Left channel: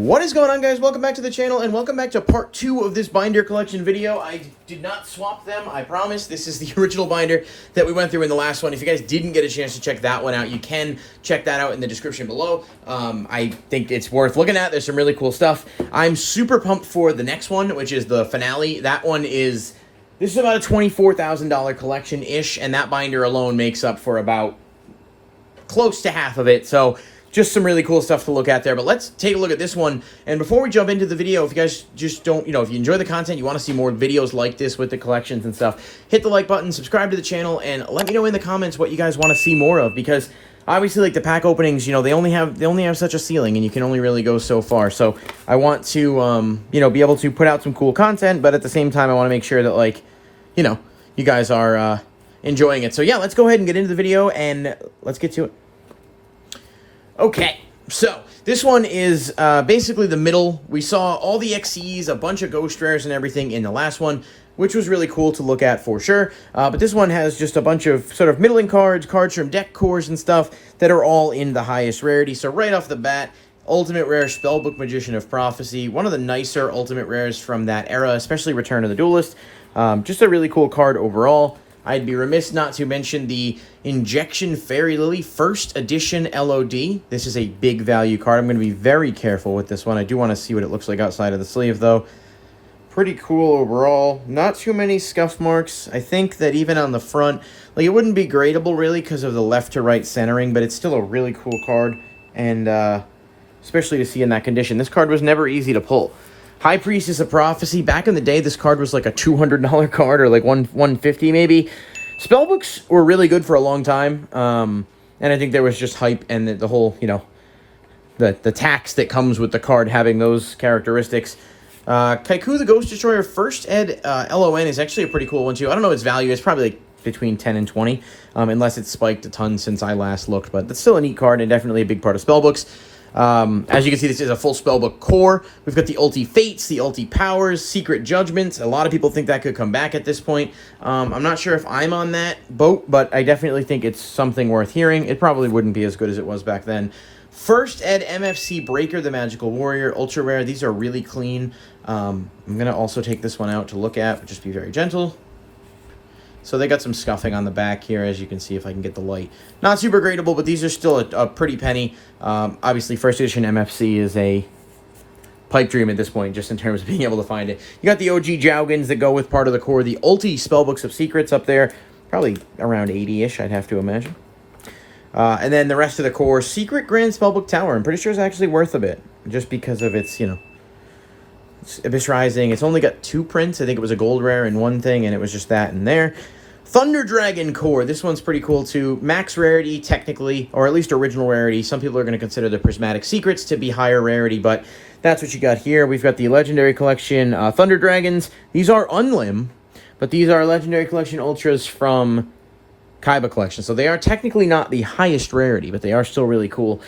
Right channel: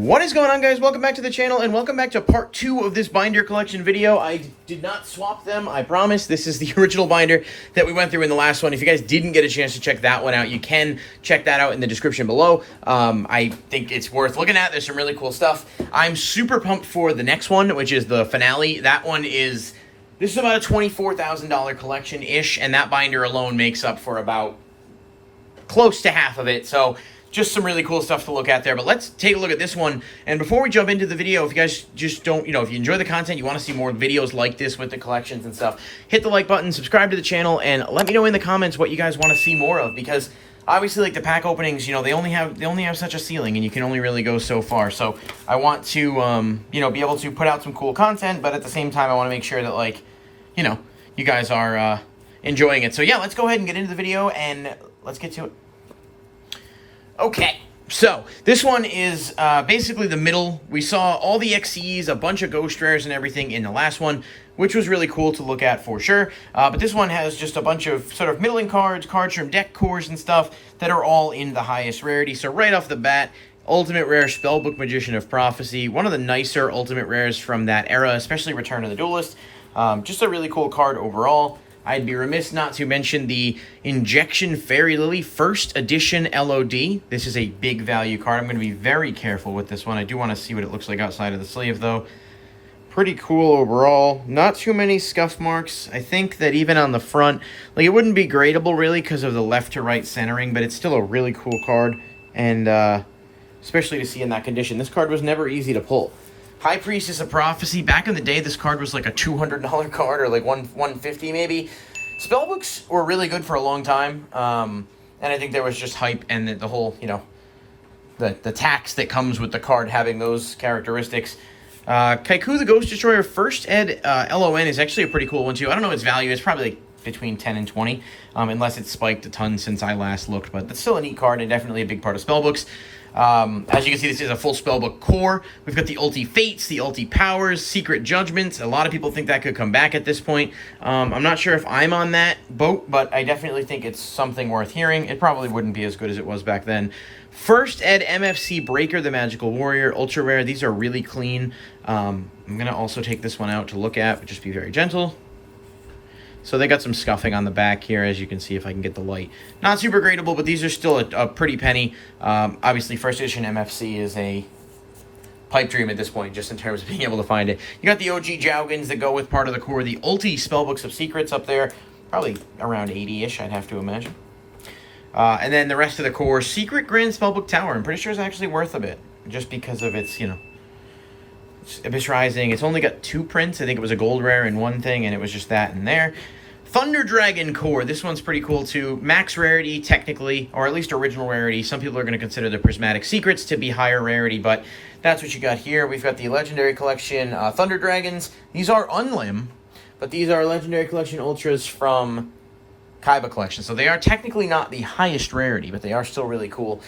What is going on, guys? Welcome back to the channel, and welcome back to part 2 of this binder collection video. I did not swap them, I promise. This is the original binder that we went through in the last one. If you guys didn't get a chance to check that one out, you can check that out in the description below. I think it's worth looking at. There's some really cool stuff. I'm super pumped for the next one, which is the finale. That one is... This is about a $24,000 collection-ish, and that binder alone makes up for about close to half of it, so... Just some really cool stuff to look at there, but let's take a look at this one. And before we jump into the video, if you guys just don't, if you enjoy the content, you want to see more videos like this with the collections and stuff, hit the like button, subscribe to the channel, and let me know in the comments what you guys want to see more of, because obviously, like, the pack openings, they only have such a ceiling, and you can only really go so far. So I want to, be able to put out some cool content, but at the same time, I want to make sure that, like, you guys are enjoying it. So yeah, let's go ahead and get into the video, and let's get to it. Okay, so this one is basically the middle. We saw all the XCs, a bunch of ghost rares and everything in the last one, which was really cool to look at for sure. But this one has just a bunch of sort of middling cards from deck cores and stuff that are all in the highest rarity. So right off the bat, Ultimate Rare Spellbook Magician of Prophecy, one of the nicer Ultimate Rares from that era, especially Return of the Duelist. Just a really cool card overall. I'd be remiss not to mention the Injection Fairy Lily First Edition LOD. This is a big value card. I'm going to be very careful with this one. I do want to see what it looks like outside of the sleeve, though. Pretty cool overall. Not too many scuff marks. I think that even on the front, like, it wouldn't be gradable, really, because of the left to right centering, but it's still a really cool card, and especially to see in that condition. This card was never easy to pull. High Priestess of Prophecy. Back in the day, this card was like a $200 card, or like $150 maybe. Spellbooks were really good for a long time, and I think there was just hype and the whole, the tax that comes with the card having those characteristics. Kaiku the Ghost Destroyer First Ed LON is actually a pretty cool one too. I don't know its value. It's probably like between 10 and 20, unless it's spiked a ton since I last looked, but that's still a neat card and definitely a big part of Spellbooks. As you can see, this is a full spellbook core. We've got the Ulti Fates, the Ulti Powers, Secret Judgments. A lot of people think that could come back at this point. I'm not sure if I'm on that boat, but I definitely think it's something worth hearing. It probably wouldn't be as good as it was back then. First Ed MFC Breaker, the Magical Warrior, Ultra Rare. These are really clean. I'm going to also take this one out to look at, but just be very gentle. So they got some scuffing on the back here, as you can see if I can get the light. Not super gradable, but these are still a pretty penny. Obviously, first edition MFC is a pipe dream at this point, just in terms of being able to find it. You got the OG Jougans that go with part of the core. The Ulti Spellbooks of Secrets up there, probably around 80-ish, I'd have to imagine. And then the rest of the core, Secret Grand Spellbook Tower. I'm pretty sure it's actually worth a bit, just because of its, it's Abyss Rising. It's only got 2 prints. I think it was a gold rare in one thing, and it was just that in there. Thunder Dragon Core. This one's pretty cool, too. Max rarity, technically, or at least original rarity. Some people are going to consider the Prismatic Secrets to be higher rarity, but that's what you got here. We've got the Legendary Collection Thunder Dragons. These are unlim, but these are Legendary Collection Ultras from Kaiba Collection. So they are technically not the highest rarity, but they are still really cool.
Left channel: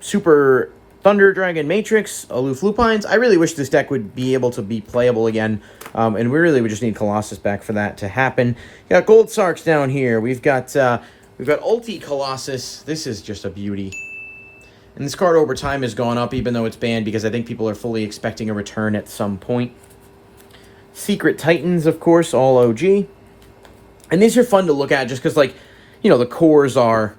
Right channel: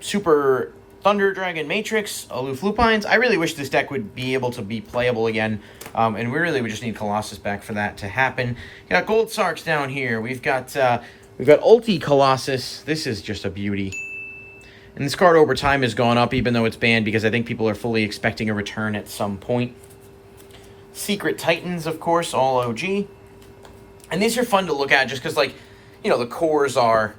Super Thunder Dragon Matrix, Aloof Lupines. I really wish this deck would be able to be playable again, and we really would just need Colossus back for that to happen. You got Gold Sarks down here. We've got Ulti Colossus. This is just a beauty. And this card over time has gone up, even though it's banned, because I think people are fully expecting a return at some point. Secret Titans, of course, all OG. And these are fun to look at just because, like, the cores are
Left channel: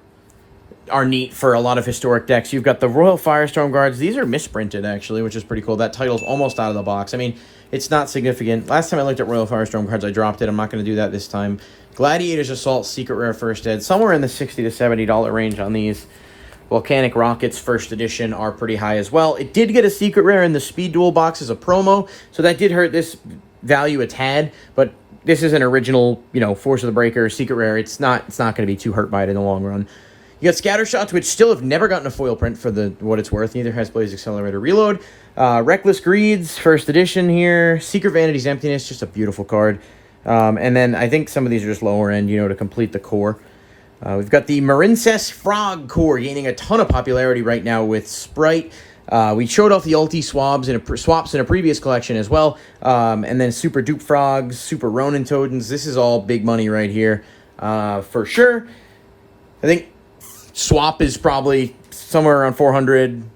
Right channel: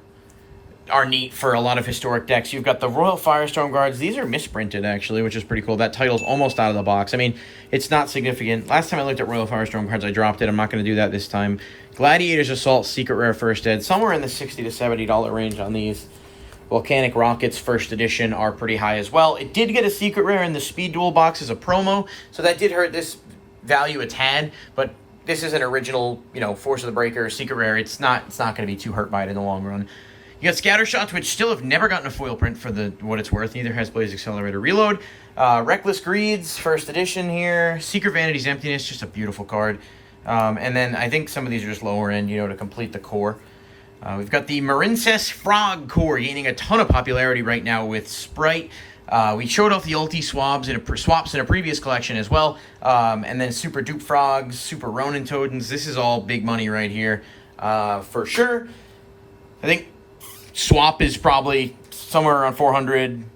neat for a lot of historic decks. You've got the Royal Firestorm Guards. These are misprinted, actually, which is pretty cool. That title's almost out of the box. I mean, it's not significant. Last time I looked at Royal Firestorm Guards, I dropped it. I'm not going to do that this time. Gladiator's Assault, Secret Rare First Ed. Somewhere in the $60 to $70 range on these. Volcanic Rockets First Edition are pretty high as well. It did get a Secret Rare in the Speed Duel box as a promo, so that did hurt this value a tad, but this is an original, Force of the Breaker, Secret Rare. It's not going to be too hurt by it in the long run. You got Scattershots, which still have never gotten a foil print for what it's worth. Neither has Blaze Accelerator Reload. Reckless Greeds, First Edition here. Secret Vanity's Emptiness, just a beautiful card. And then I think some of these are just lower end, to complete the core. We've got the Marincess Frog Core, gaining a ton of popularity right now with Sprite. We showed off the Ulti swaps in a previous collection as well. And then Super Dupe Frogs, Super Ronin Totems. This is all big money right here, for sure. I think Swap is probably somewhere around 400.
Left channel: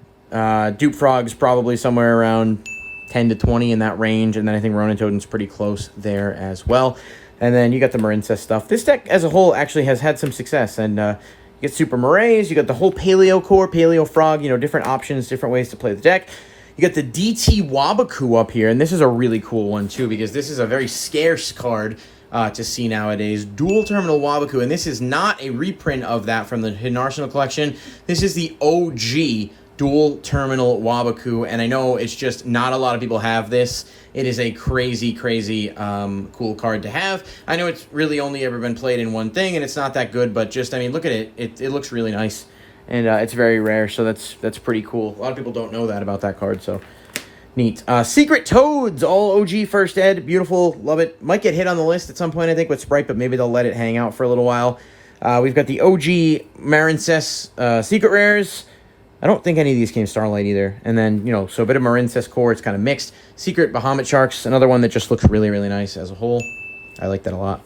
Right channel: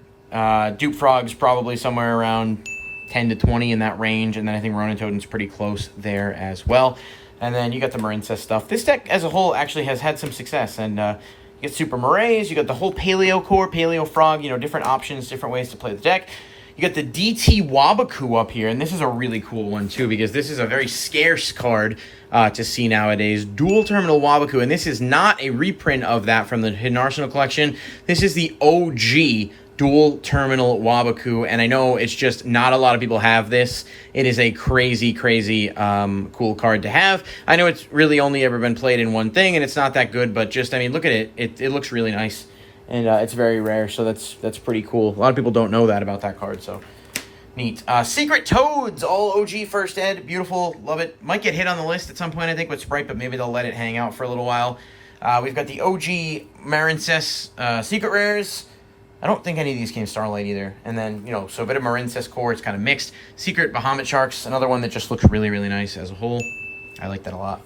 Dupe Frogs probably somewhere around 10 to 20 in that range, and then I think Ronin Totem's pretty close there as well. And then you got the Marincess stuff. This deck as a whole actually has had some success, and you get Super Morays, you got the whole Paleo core, Paleo Frog, you know, different options, different ways to play the deck. You got the DT Wabaku up here, and this is a really cool one too, because this is a very scarce card to see nowadays. Dual Terminal Wabaku, and this is not a reprint of that from the Hidden Arsenal collection. This is the OG Dual Terminal Wabaku, and I know it's just not a lot of people have this. It is a crazy, crazy cool card to have. I know it's really only ever been played in one thing, and it's not that good, but just, I mean, look at it. It looks really nice, and it's very rare, so that's pretty cool. A lot of people don't know that about that card, so neat. Secret Toads, all OG first ed. Beautiful, love it. Might get hit on the list at some point, I think, with Sprite, but maybe they'll let it hang out for a little while. We've got the OG Marincess Secret Rares. I don't think any of these came Starlight either. And then, you know, so a bit of Marincess core. It's kind of mixed. Secret Bahamut Sharks, another one that just looks really, really nice as a whole. I like that a lot.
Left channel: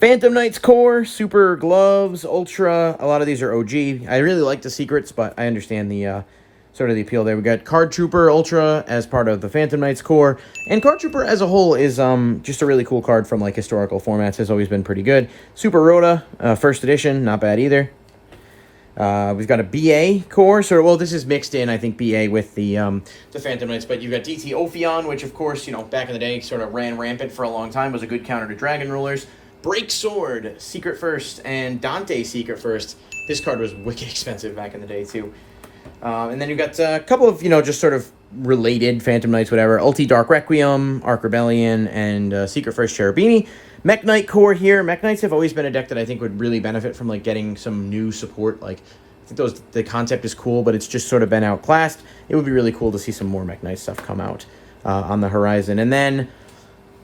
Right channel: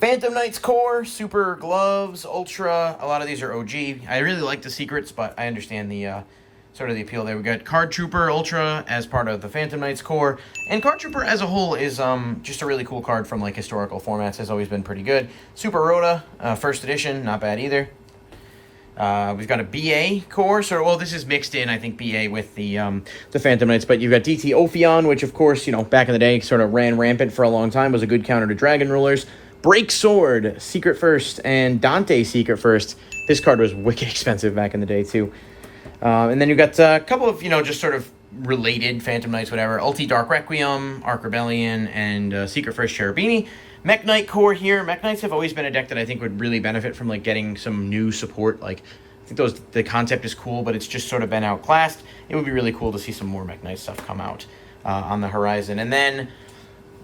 Phantom Knights core, Super Gloves, Ultra. A lot of these are OG. I really like the secrets, but I understand the sort of the appeal there. We got Card Trooper Ultra as part of the Phantom Knights core. And Card Trooper as a whole is just a really cool card from like historical formats. Has always been pretty good. Super Rhoda, first edition, not bad either. We've got a BA core, so well, this is mixed in, I think, BA with the Phantom Knights, but you've got DT Ophion, which, of course, you know, back in the day, sort of ran rampant for a long time, was a good counter to Dragon Rulers. Break Sword, Secret First, and Dante Secret First. This card was wicked expensive back in the day, too. And then you've got a couple of, you know, just sort of related Phantom Knights, whatever. Ulti Dark Requiem, Arc Rebellion, and Secret First Cherubini. Mech Knight core here. Mech Knights have always been a deck that I think would really benefit from like getting some new support. Like, I think the concept is cool, but it's just sort of been outclassed. It would be really cool to see some more Mech Knight stuff come out on the horizon. And then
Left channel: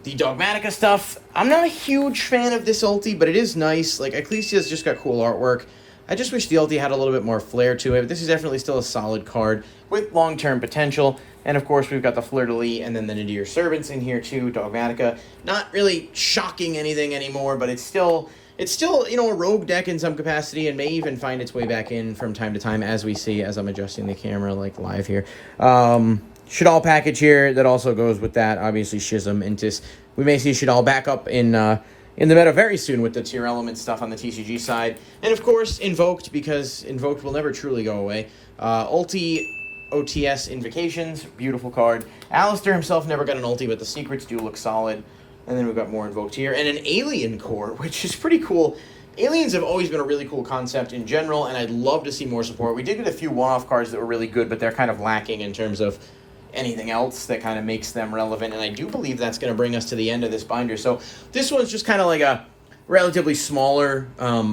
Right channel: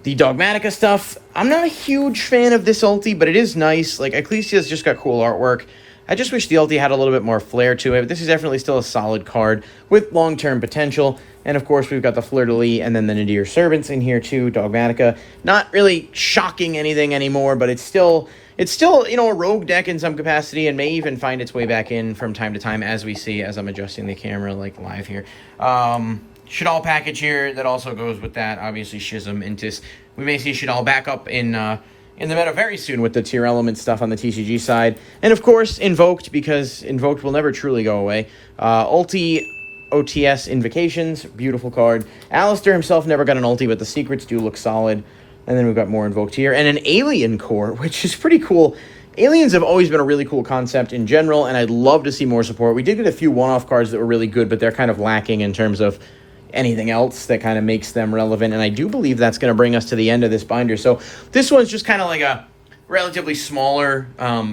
the Dogmatica stuff. I'm not a huge fan of this ulti, but it is nice. Like, Ecclesia's just got cool artwork. I just wish the ulti had a little bit more flair to it. But this is definitely still a solid card with long-term potential. And, of course, we've got the Fleur-de-Lis and then the Nadir Servants in here, too. Dogmatica. Not really shocking anything anymore, but it's still, you know, a rogue deck in some capacity and may even find its way back in from time to time, as we see, as I'm adjusting the camera, like, live here. Shadal package here that also goes with that. Obviously, Schism, Intis. We may see Shadal back up in the meta very soon with the tier element stuff on the TCG side. And, of course, Invoked, because Invoked will never truly go away. Ulti OTS Invocations, beautiful card. Alistair himself never got an ulti, but the secrets do look solid. And then we've got more Invoked here. And an Alien core, which is pretty cool. Aliens have always been a really cool concept in general, and I'd love to see more support. We did get a few one-off cards that were really good, but they're kind of lacking in terms of anything else that kind of makes them relevant. And I do believe that's going to bring us to the end of this binder. So this one's just kind of like a relatively smaller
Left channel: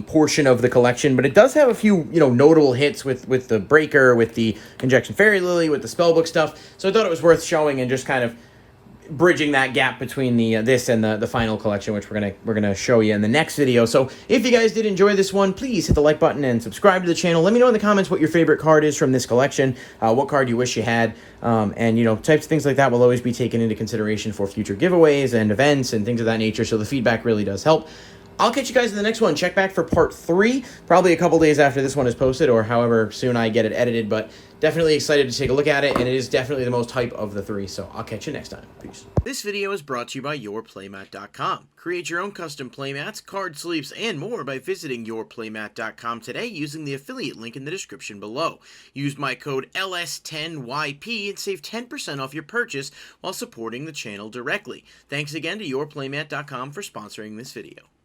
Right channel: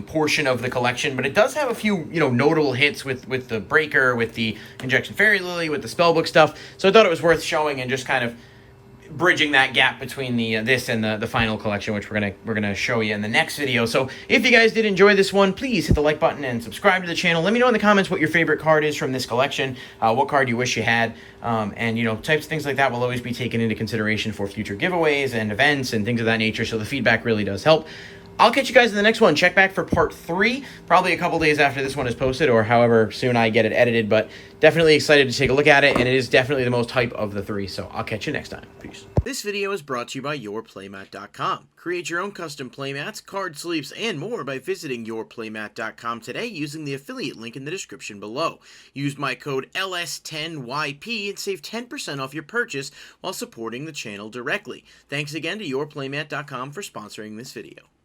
portion of the collection, but it does have a few, you know, notable hits with the Breaker, with the Injection Fairy Lily, with the Spellbook stuff. So I thought it was worth showing and just kind of bridging that gap between the this and the final collection, which we're gonna show you in the next video. So if you guys did enjoy this one, please hit the like button and subscribe to the channel. Let me know in the comments what your favorite card is from this collection, what card you wish you had, and you know, types of things like that will always be taken into consideration for future giveaways and events and things of that nature. So the feedback really does help. I'll catch you guys in the next one. Check back for part 3, probably a couple days after this one is posted, or however soon I get it edited, but definitely excited to take a look at it, and it is definitely the most hype of the 3, so I'll catch you next time. Peace. This video is brought to you by YourPlaymat.com. Create your own custom playmats, card sleeves, and more by visiting YourPlaymat.com today using the affiliate link in the description below. Use my code LS10YP and save 10% off your purchase while supporting the channel directly. Thanks again to YourPlaymat.com for sponsoring this video.